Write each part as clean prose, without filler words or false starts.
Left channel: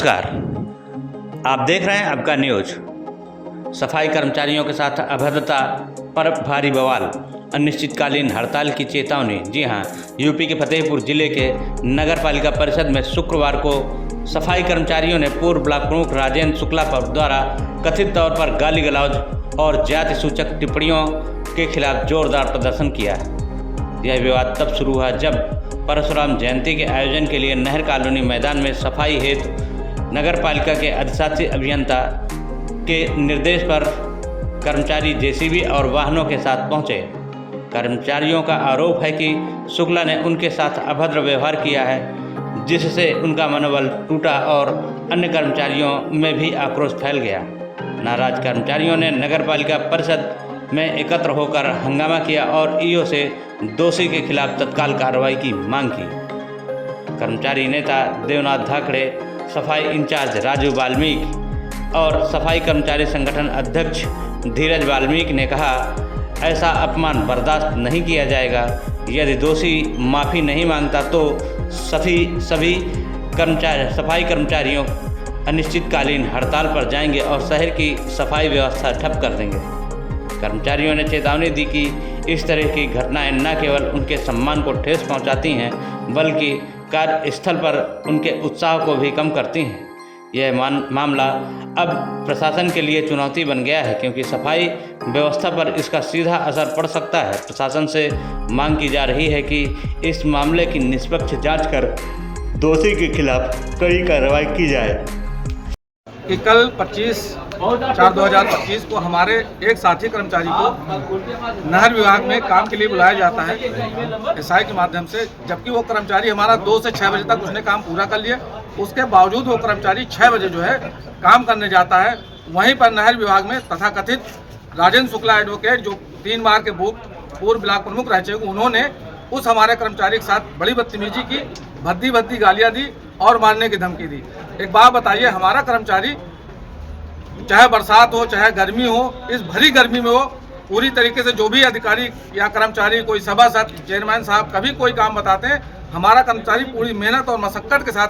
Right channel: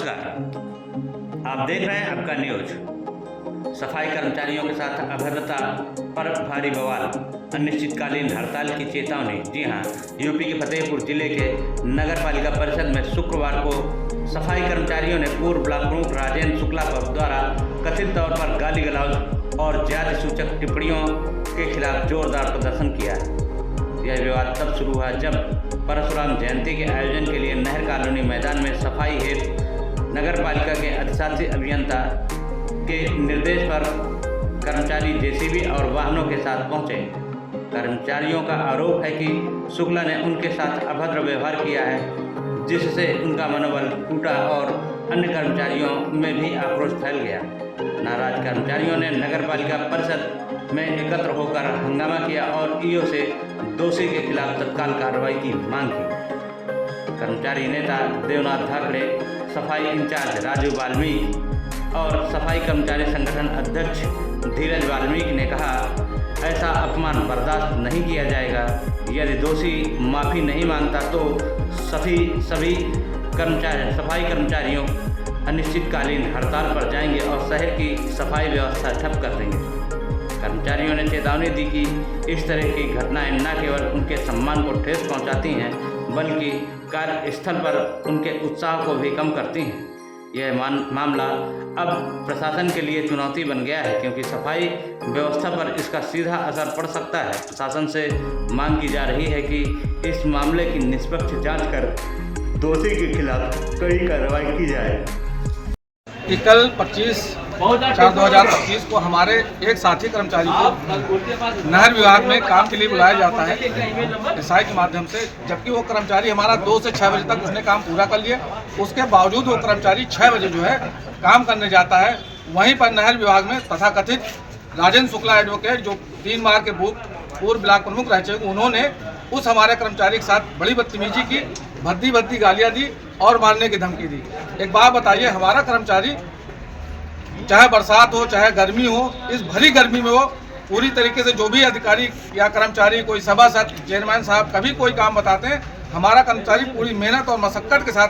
नमस्कार, आप देख रहे हैं आपका न्यूज। सफाई कर्मचारियों के साथ अभद्रता पर भारी बवाल, अनिश्चितकालीन हड़ताल की चेतावनी। जी हां, यूपी के फतेहपुर जिले के नगर पालिका परिषद में शुक्रवार को सफाई कर्मचारियों ने पूर्व ब्लॉक प्रमुख राजेंद्र शुक्ला द्वारा कथित तौर पर गाली गलौज और जाति सूचक टिप्पणियों के खिलाफ जोरदार प्रदर्शन किया। यह विवाद तब शुरू हुआ जब परशुराम जयंती के आयोजन के लिए नहर कॉलोनी मैदान में सफाई हेतु नगर पालिका के अधिशासी अभियंता के निर्देश पर कर्मचारी जेसीबी और वाहनों के साथ पहुंचे। कर्मचारियों का आरोप है कि शुक्ला ने उनके साथ अभद्र व्यवहार किया है, जिससे उनका मनोबल टूटा और अन्य कर्मचारियों में भी आक्रोश फैल गया। नाराज कर्मचारियों ने नगर पालिका परिषद में एकत्र होकर हंगामा किया और ईओ से दोषी के खिलाफ तत्काल कार्रवाई की मांग की। कर्मचारी नेता देवनाथ धाकड़े, सफाई इंचार्ज राजू वाल्मीकि और सफाई कर्मचारी संगठन अध्यक्ष धीरज वाल्मीकि ने कहा, ऐसा अपमान बर्दाश्त नहीं किया जाएगा। यदि दोषी माफ़ी नहीं मांगता तो सभी सफाई कर्मचारियों अनिश्चितकालीन हड़ताल पर जाएंगे और शहर की सफाई व्यवस्था ठप कर देंगे। कर्मचारियों ने चेतावनी दी कि इस तरह की घटनाएं न केवल उनके सम्मान को ठेस पहुंचाती हैं, बल्कि कार्यस्थल पर उनके उत्साह को भी कम करती हैं। यह मामला अब प्रशासन के लिए चुनौती बन गया है, क्योंकि सफाई व्यवस्था पर इसका सीधा असर पड़ सकता है। प्रशासन से मांग की जा रही है कि इस मामले की निष्पक्ष जांच कर दोषी के खिलाफ कड़ी कार्रवाई की जाए। कल 25/4/2025 को हमारे एक साथी कर्मचारी को नहर विभाग में काम के लिए बुलाया जाता है एसआई के माध्यम से, जबकि वो कर्मचारी हमारा 2 से 6 बजे तक उसने काम पूरा कर लिया। उसके बावजूद वो कर्मचारी 6 बजे जो है काम करने जाता है। वहीं पर नहर विभाग में तथाकथित राजेंद्र शुक्ला एडवोकेट, जो 3 बार के पूर्व ब्लॉक प्रमुख रह चुके, उन्होंने उस हमारे कर्मचारी के साथ बड़ी बदतमीजी की, भद्दी गालियाँ दी और मारने की धमकी दी। एक बात बताइए, हमारा कर्मचारी चाहे बरसात हो चाहे गर्मी हो, इस भरी गर्मी में वो पूरी तरीके से जो भी अधिकारी या कर्मचारी, कोई सभासद, चेयरमैन साहब कभी कोई काम बताते हैं, हमारा कर्मचारी पूरी मेहनत और मशक्कत के साथ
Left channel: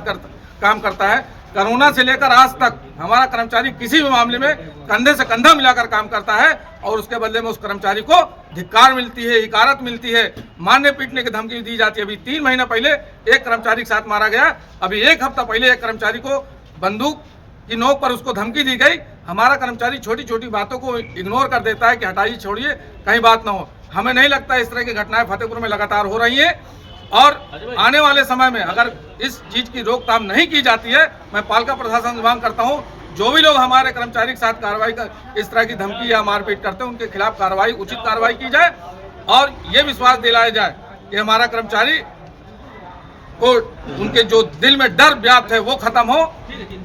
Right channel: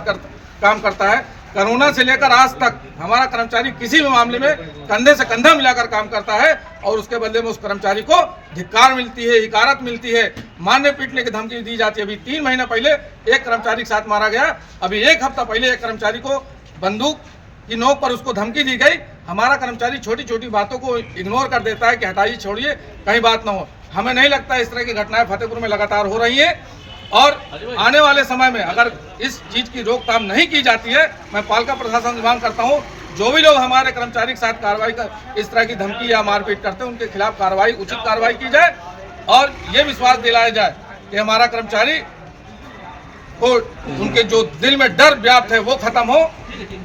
काम करता है। कोरोना से लेकर आज तक हमारा कर्मचारी किसी भी मामले में कंधे से कंधा मिलाकर काम करता है और उसके बदले में उस कर्मचारी को धिक्कार मिलती है, हिकारत मिलती है, मारने पीटने की धमकी दी जाती है। अभी 3 महीना पहले एक कर्मचारी के साथ मारा गया। अभी 1 हफ्ता पहले एक कर्मचारी को बंदूक की नोक पर उसको धमकी दी गई। हमारा कर्मचारी छोटी छोटी बातों को इग्नोर कर देता है कि हटाइए, छोड़िए, कहीं बात ना हो। हमें नहीं लगता इस तरह की घटनाएं फतेहपुर में लगातार हो रही हैं और आने वाले समय में अगर इस चीज की रोकथाम नहीं की जाती है, मैं पालिका प्रशासन से मांग करता हूं, जो भी लोग हमारे कर्मचारी के साथ कार्रवाई इस तरह की धमकी या मारपीट करते हैं, उनके खिलाफ कार्रवाई, उचित कार्रवाई की जाए और ये विश्वास दिलाया जाए कि हमारा कर्मचारी को उनके जो दिल में डर व्याप्त है वो खत्म हो।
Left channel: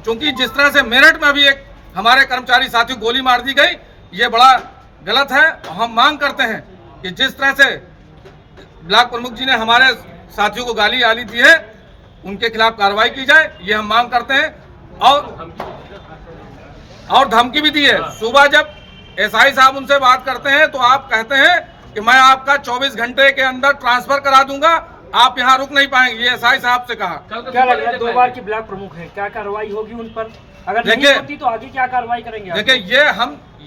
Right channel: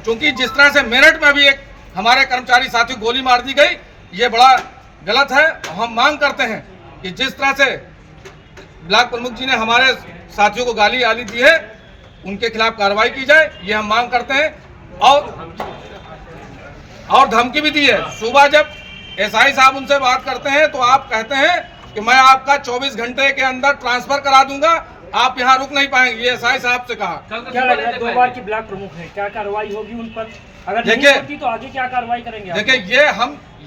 क्योंकि जिस तरह से मेरठ में भी एक हमारे कर्मचारी साथी गोली मार दी गई, ये बड़ा गलत है। हम मांग करते हैं कि जिस तरह से ब्लॉक प्रमुख जी ने हमारे साथियों को गाली दी है, उनके खिलाफ कार्रवाई की जाए, ये हम मांग करते हैं। और धमकी भी दी है। सुबह जब एसआई साहब उनसे बात करते हैं तो आप कहते हैं कि मैं आपका 24 घंटे के अंदर ट्रांसफर करा दूंगा, आप यहाँ रुक नहीं पाएंगे, ये एसआई साहब से कहा। क्या लग रहा है 2 बार की ब्लॉक प्रमुख हैं, क्या कार्रवाई होगी उन पर? अगर नहीं होती तो आगे क्या कार्रवाई करेंगे? देखिए,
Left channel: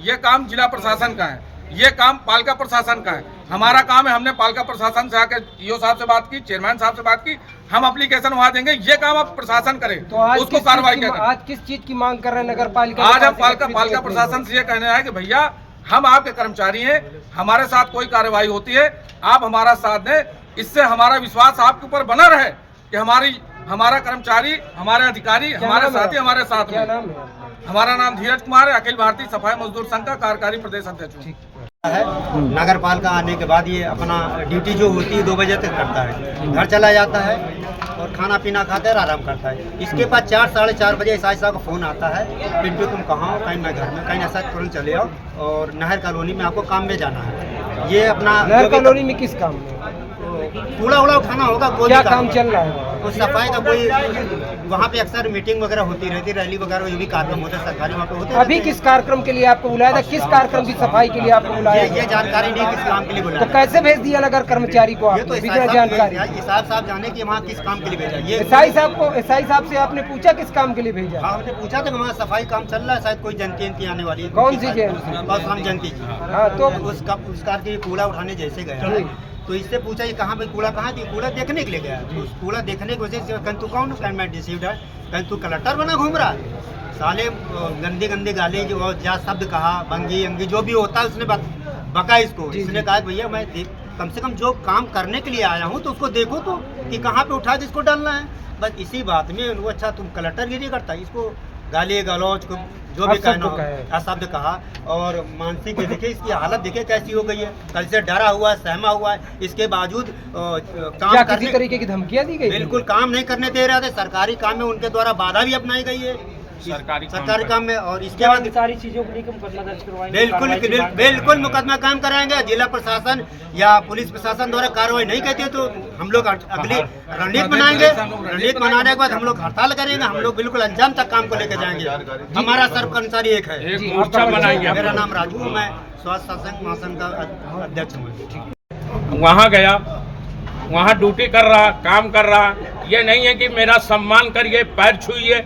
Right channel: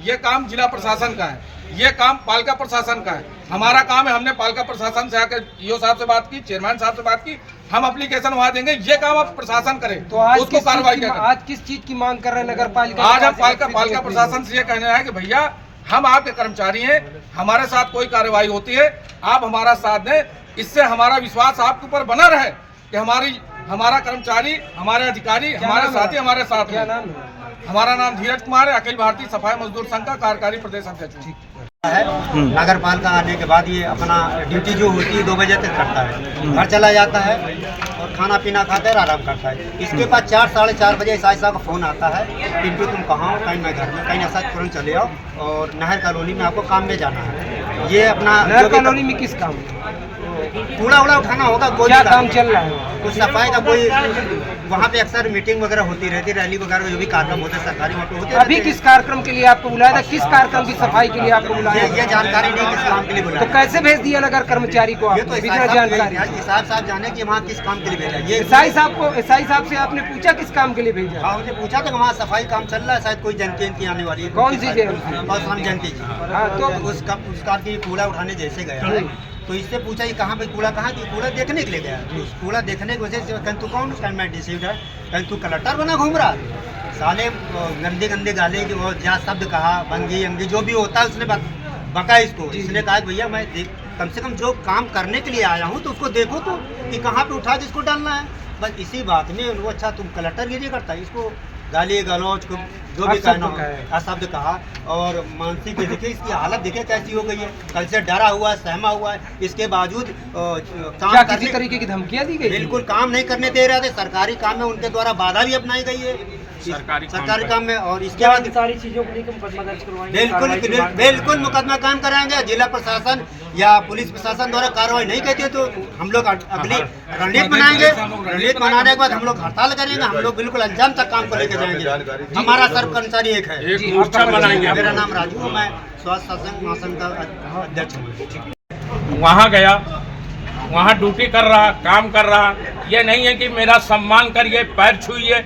ये काम जिला प्रशासन का है, ये काम पालिका प्रशासन का है। हमारा काम है, हमने पालिका प्रशासन से आकर ईओ साहब से बात की, चेयरमैन साहब से बात की, हम एप्लीकेशन वहाँ देंगे। ये काम अब प्रशासन करे तो उसको कार्रवाई करें। आज किस चीज की मांग कर रहे हैं नगर पालिका? आज हम पालिका प्रशासन से ये कहना है कि भैया, हम आपके कर्मचारी हैं, हमारे साथ कोई कार्रवाई होती है आप हमारा साथ दें। इससे हमारा विश्वास आपके ऊपर बना रहे कि हमारा कर्मचारी, हमारे अधिकारी, हमारे साथी हमारे साथ हैं। हमारा नाम धीरज कुमार है, अखिल भारतीय सफाई मजदूर संघ का कार्यकारी प्रदेश अध्यक्ष है। नगर पालिका आने के बाद ये अपना ड्यूटी जो होती है 2 बजे तक करता है, घर चला जाता है और खाना पीना खाता है, आराम करता है। इसके बाद 4 साढ़े 4 बजे एसआई साहब का फ़ोन आता है, पिंटू तुम कहाँ हो? कहीं मैं घर में, कहीं ऐसा तुरंत चले आओ और नहर कॉलोनी में आपको काम में जाना है। ये अपना नहर कॉलोनी में किस काम? कूड़ा उड़ा उठाना होगा, कोई काम चल रहा है, कुछ सफाई का कोई वहाँ पे अक्सर मीटिंग वगैरह होती रहती, रैली वगैरह जो भी कार्यक्रम होते हैं सरकारी वहाँ पे होते अभी रहते किस कार्यक्रम के लिए आपको बुलाया था, किस कार्यक्रम की सफाई के लिए आपको हैं। बुलाया ये जानकारी नहीं किस काम के लिए तो बुलाया। कैसे भेज दिया नगर कर्मचारी को ये तो आपने बिना जानकारी? हिसाब साहब जाने कि वहाँ किस काम के लिए भेजा। ये एसआई साहब से आपने पूछा किस काम के लिए भेजा? हाँ, हमने पूछा था कि वहाँ सफाई काम चल रहा है, शायद कोई जयंती आने वाली है। कौन सी जयंती? परशुराम जयंती की। हाँ, तो उस कार के कूड़ा उठाने जैसे गया तो इससे पूछा ये कहाँ पे कूड़ा, कहाँ की कूड़ा देखने के लिए गया। तो उस कूड़ा देखने की वजह से कहीं तू कौन, कहीं मैं डिसीव्ड है, कहीं तू कलेक्टर बना घूम रहा। साले गंदे गंदे गाले जो जा शब्द कहा, बंगी अंगी जो भी होता है उसने बका इसको। इसने कहा भैया मैं कम से कम जो काम करने के लिए आया हूँ तो उसको देखो तो कि कहाँ पे उठा जिसको डालना है। बस इसी बात में उनको अच्छा तुम कलेक्टर ये नहीं करता, इसको गाली गलौज को जो भी कहना हो अशब्द कहा। और मानसिक देखिए इसकी हालत देखिए कैसी हो गई है, कल से डरा हुआ है, सहमा हुआ है, इसके बावजूद काम क्या करने किसी तरीके की धमकियां दी गई? बिल्कुल काम नहीं करने दे रहे थे। सरकारी काम में उनके द्वारा बाधा भी अपनाई गई है सरकारी काम में। और इसके क्या बाद इन सारी चीजों को लेकर मुकदमा दर्ज करवाएंगे? बिल्कुल मुकदमा कायम कराएंगे। जिला प्रशासन या पुलिस प्रशासन द्वारा कार्रवाई नहीं करती है तो हम लोग अगली रणनीति बनाएंगे। रणनीति बनाने के बाद हम लोग हड़ताल करेंगे। हम लोग बिल्कुल अंजाम तक काम को लेकर जाएंगे। हमारा सर्व कर्मचारी एक है। मेरा नाम राजू है, मैं स्वास्थ्य शासन महासंघ का अध्यक्ष हूँ। वहाँ गया, वहाँ ड्यूटी कर रहा, काम कर रहा। ये नहीं है कि मेरा सम्मान करिए, पैर छुइए।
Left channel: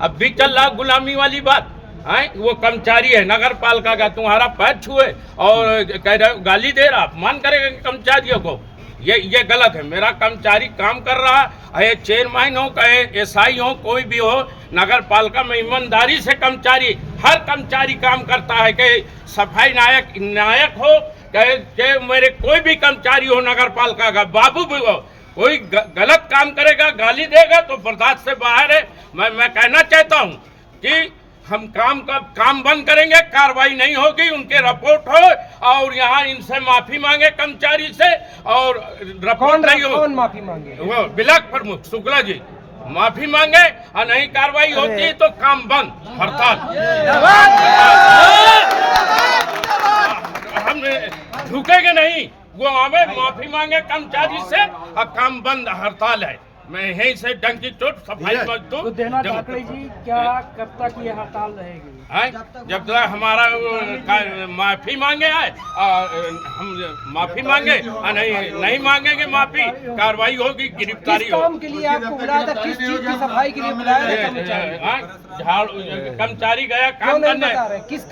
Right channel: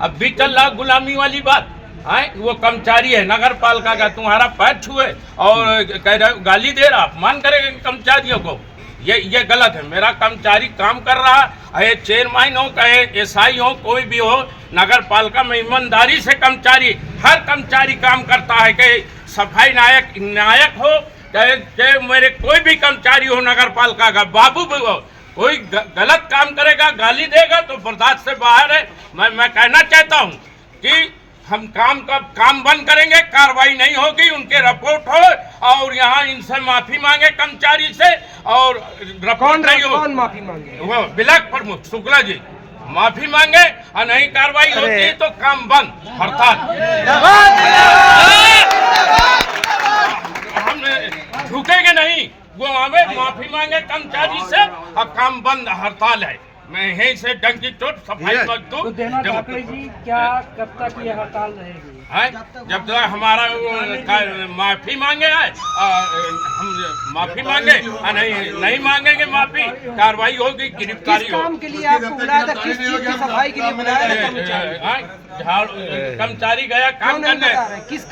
अब भी चल रहा गुलामी वाली बात है। वो कर्मचारी है नगर पालिका का, तुम्हारा पैर छुए और कह रहे गाली दे रहा, अपमान करेगा कर्मचारियों को। ये गलत है। मेरा कर्मचारी काम कर रहा है, चेयरमैन हो चाहे एसआई हो, कोई भी हो, नगर पालिका में ईमानदारी से कर्मचारी, हर कर्मचारी काम करता है। कि सफाई नायक हो चाहे मेरे कोई भी कर्मचारी हो नगर पालिका का, बाबू भी हो, कोई गलत काम करेगा, गाली देगा तो बर्दाश्त से बाहर है। मैं कहना चाहता हूं कि हम काम बंद करेंगे, कार्रवाई नहीं होगी, उनके रिपोर्ट हो और यहाँ इनसे माफी मांगे कर्मचारी से। और रिपोर्ट नहीं हो, कौन माफी मांगे? वो ब्लॉक प्रमुख शुक्ला जी माफी मांगे और नहीं कार्रवाई होती तो काम बंद, हड़ताल। हम झुकेंगे नहीं, वो हमें माफी मांगे कर्मचारी से और काम बंद, हड़ताल है। मैं यहीं से डंकी चोट सफाई मजदूर तो देना ठाकरे जी क्या कब तक ये हड़ताल रहेगी? जब तक हमारा माफी मांगे है, हम माफी मांगे और नहीं मांगेंगे माफी, कार्रवाई होगी, गिरफ्तारी किस काम के लिए आपको बुलाया था? किस चीज की सफाई के लिए बुलाया था कर्मचारी? कर्मचारी गया काम करने। किस